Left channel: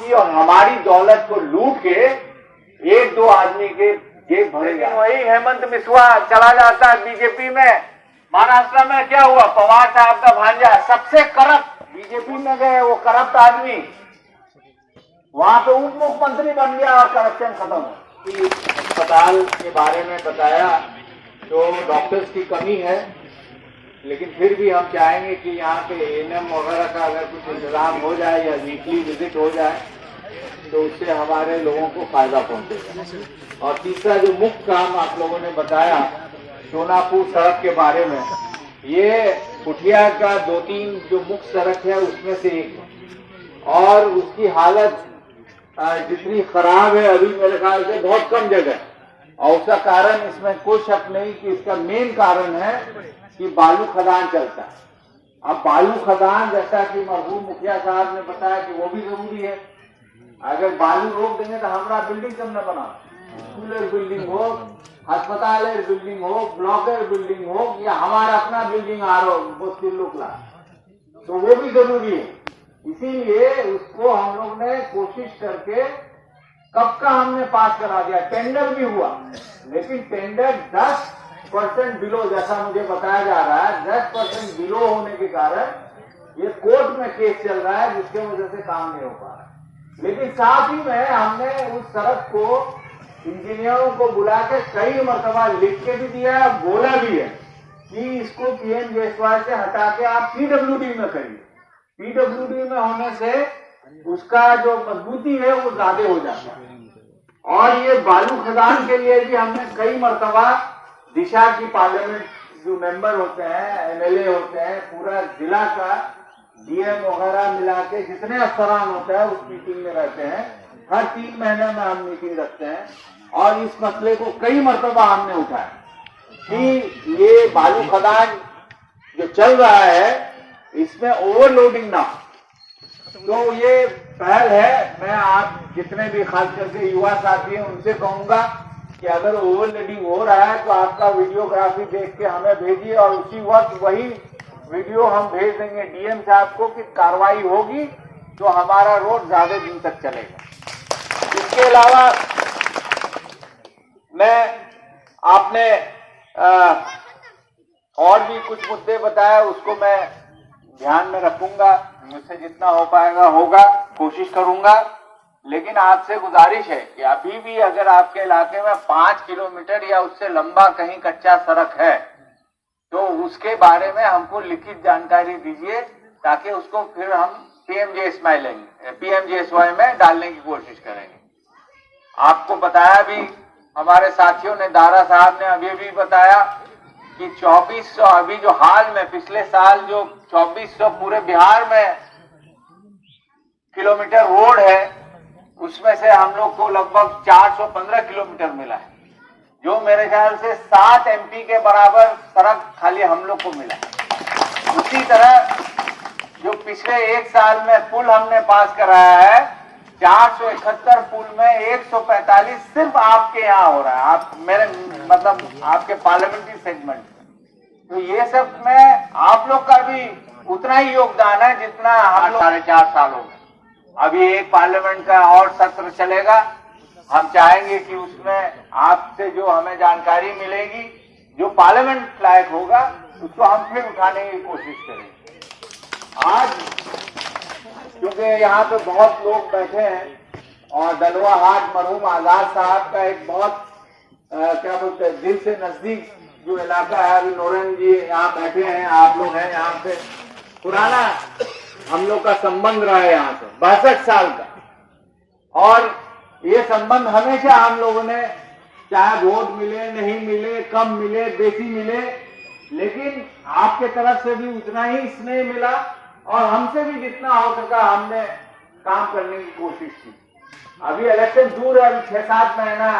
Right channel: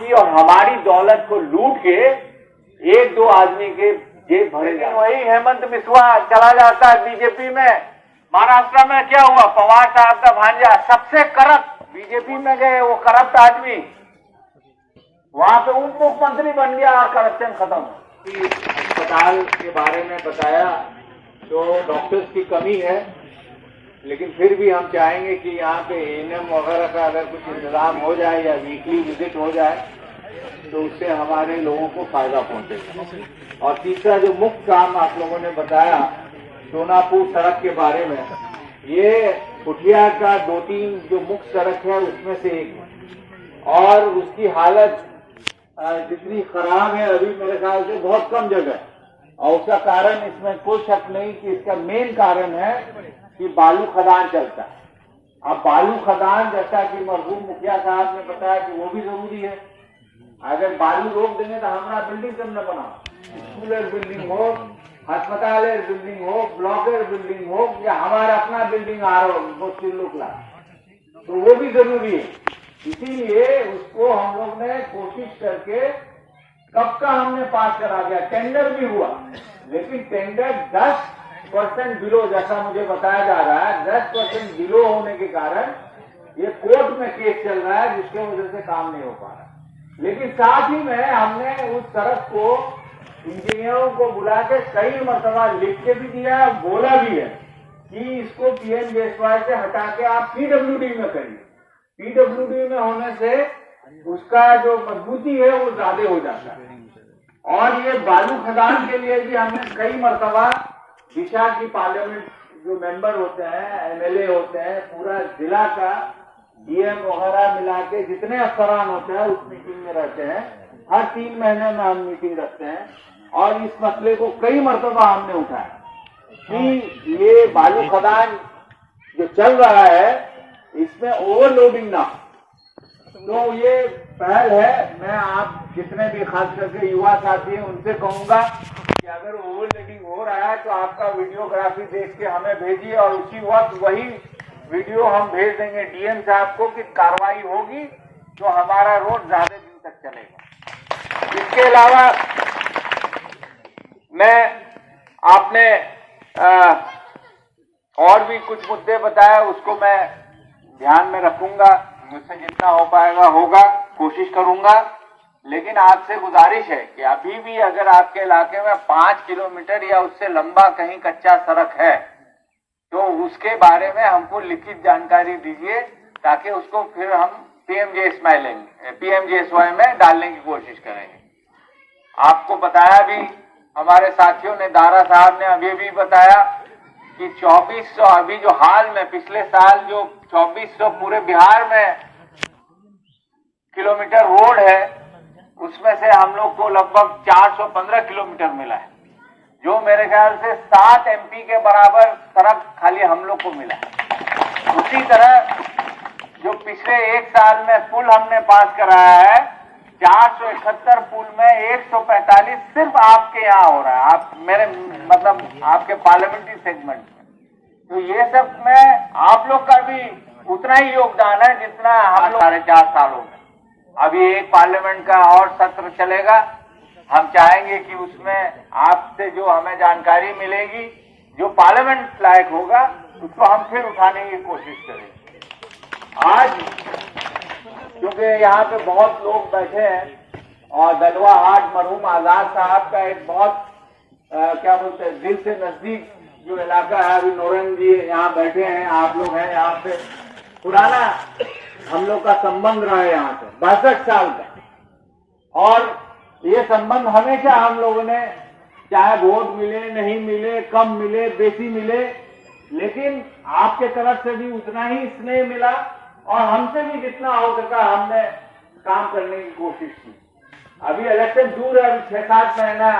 आपकी और हमारी दौलत को लूट के एक दो आदमी के जेब भरे। लेकिन वही हेमंत बिस्वा चला जाता है बीजेपी में। महाराष्ट्र में क्या हुआ, पवार साहब का भांजा सबसे करप्ट बीजेपी में गए, वो करप्ट आदमी वहां पे उप मुख्यमंत्री बन गया और करप्शन खत्म हो। अस्पताल के बारे में बताया तो डॉक्टर्स की कमी है, लेकिन फिर भी हम चाहेंगे कि यहाँ पे एएनएम वगैरह का अगर कुछ इंतजाम हो जाए या वीकली विजिट हो जाए तो उससे हमारे लोगों को फायदा पहुंचेगा। और तीसरा जो मुख्य काम आप लोगों ने बताया सोनापुर सड़क के बारे में, ये पुठिया का 2-3 जो मुख्य सड़क है उसमें से एक है और उसकी हालत जितनी खराब है अभी मेरे ख्याल से बहुत कम जगह है। और उसका कारण इसमें कोई शक नहीं कि इसका मेन कारण है कि बालू खदान चलता है। अब बालू खदान जैसा कि मरहूम मुखिया साहब ने बताया कि वो भी जरूरी है। अगर बालू रोक देंगे तो हमारा बिल्डिंग करना बना, स्कूल बिल्डिंग हो, अस्पताल बिल्डिंग हो, ब्लॉक बिल्डिंग हो या हमारा अपना बिल्डिंग आ रहा हो तो वो भी जरूरी है। इसीलिए उसको हम लोग ने कोशिश करके कब का हमने पास करा दिया, टेंडर भी हुआ, लेकिन टेंडर 10% बिलो जैसा मुझे बताया जा रहा है, 10% बिलो होने के कारण ये कोर्ट में केस चल रहा है जिसके वजह से काम नहीं हो पा रहा। लेकिन साथ ही में हमने उस सड़क को इंजीनियरों को बुला के कई मरतबा लिख के भी दिया है, बोला भी है कि इसको पीएमजेएसवाई से हटा के आप पीडब्ल्यूडी में करिए। पीडब्ल्यूडी में होने से उसका जो मजबूती है वो ज्यादा हो जाता है। और ये बालू खदान के लिए भी हमने कई मरतबा दिशा की पार्लियामेंट जो मेंबर होते हैं, एमएलए होते हैं, पूरा जिला का डीएम वगैरह मिला के जितने अफसरान होते हैं उस मीटिंग में रहते हैं। हर 3 महीने में हम मीटिंग रखते हैं और इस मसले को कई मरतबा हमने उठाया कि ये बालू खदान जो चल रहा है इसमें ओवरलोडिंग ना। तो ये पहल है, मैं आप जितने भी खास करके युवा साथी हैं उनसे कहूंगा कि अगर ओवरलोडिंग हो रहा है तो आपका वीडियोग्राफी देख के हमें भेजिए और उसी वक्त वही वीडियो हम भेज देंगे डीएम साहब को कि कार्रवाई होगी तो हमारा रोड ज्यादा दिन तक चलेगा। इसके अलावा मैं आपने और भी कुछ मुद्दे बताए, उसको मैं ध्यान में रखूंगा, मुझसे जितना हो पाएगा होगा, कोशिश करूंगा। लेकिन आपसे गुजारिश है कि अभी भी अगर आपके इलाके में 5 किलोमीटर या उससे लंबा कहीं कच्चा सड़क है तो उसके बारे में हमको लिखित जानकारी दीजिए ताकि उसको फिर हम पीएमजेएसवाई में डालने की कोशिश करेंगे। आपको बताया भी, हमारे साथियों ने, दारा साहब ने अभी भी बताया कि 2400 अभी जो हाल में पिछले साल जो 2400 पूरे बिहार में किलोमीटर रोड है उसमें से हम लोग को लगभग 415 किलोमीटर मिला है, जो मेरे ख्याल से 7 एमपी के बराबर सड़क खाली हम लोग को मिला है। उसी तरह जो पिछले 1 साल में पुल हमने पास कराया है, 471 पुल में 145 सिर्फ आपके यहाँ हो रहा है, आप मेरे मतलब आपके पार्लियामेंट्री सेगमेंट में। तो ये सब में आप लोग का भी उतना ही योगदान है जितना हम लोग 4.5 सालों में। अभी एक पार्लियामेंट का और सत्र चलेगा, हम चाहेंगे कि उसमें आपसे जो हमें जानकारी मिलेगी, जो पार्लियामेंट लायक होगा, उसको हम फिर उठाने की कोशिश करेंगे। आज क्योंकि यहाँ पे बहुत लोग बैठे हैं और दलवा हाट मरहूम आजाद साहब का एक बहुत क्या बोलते हैं दिल से नजदीक जो इलाका है, अभी नोरन जी यहाँ बैठे हैं, आप लोग हैं यहाँ पे, पुराना हम लोग का संबंध रहा है यहाँ से 62 साल का। और ये संबंध हमेशा हम लोगों ने, चाहे वोट मिले नहीं मिले, कम मिले बेसी मिले, लेकिन आपके तरफ से भी उतना ही स्नेह मिला और हमसे भी जितना हो सका हमने काम करने की कोशिश की। अभी इलेक्शन दूर है, अभी 6-7 महीना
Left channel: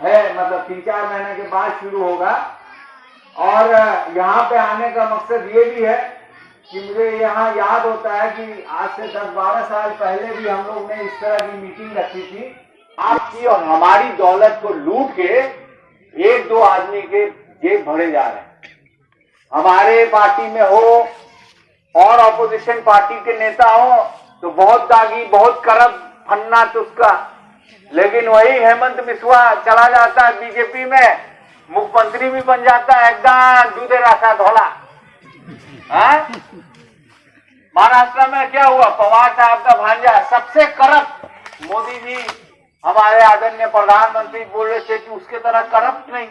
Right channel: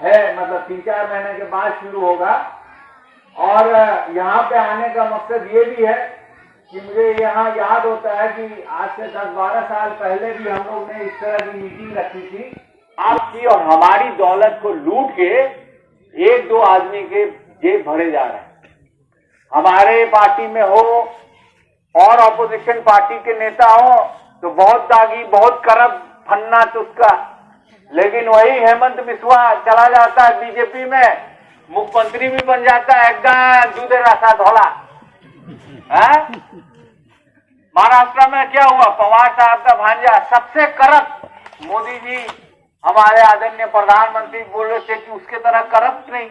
है, मतलब 3-4 महीने के बाद शुरू होगा। और यहाँ पे आने का मकसद ये भी है कि मुझे यहाँ याद होता है कि आज से 10-12 साल पहले भी हम लोग ने इस तरह की मीटिंग रखी थी। आपकी और हमारी दौलत को लूट के एक दो आदमी के जेब भरे जा रहे हैं। हमारे पार्टी में हो और ऑपोजिशन पार्टी के नेता हो तो बहुत दागी, बहुत करप्ट फन्ना तुस्का। लेकिन वही हेमंत बिस्वा चला जाता है बीजेपी में, मुख्यमंत्री भी बन जाता है, एकदम दूधे रखा धोला। महाराष्ट्र में क्या हुआ, पवार साहब का भांजा सबसे करप्ट। मोदी जी हमारे आदरणीय प्रधानमंत्री बोल रहे थे कि उसके तरह करप्ट नहीं।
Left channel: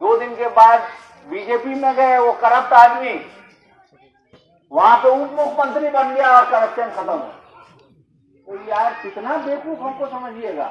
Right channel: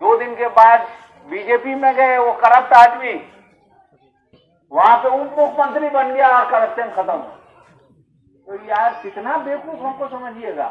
2 दिन के बाद बीजेपी में गए वो करप्ट आदमी, वहां पे उप मुख्यमंत्री बन गया और करप्शन खत्म हो। तो यार कितना बेवकूफ हमको समझिएगा।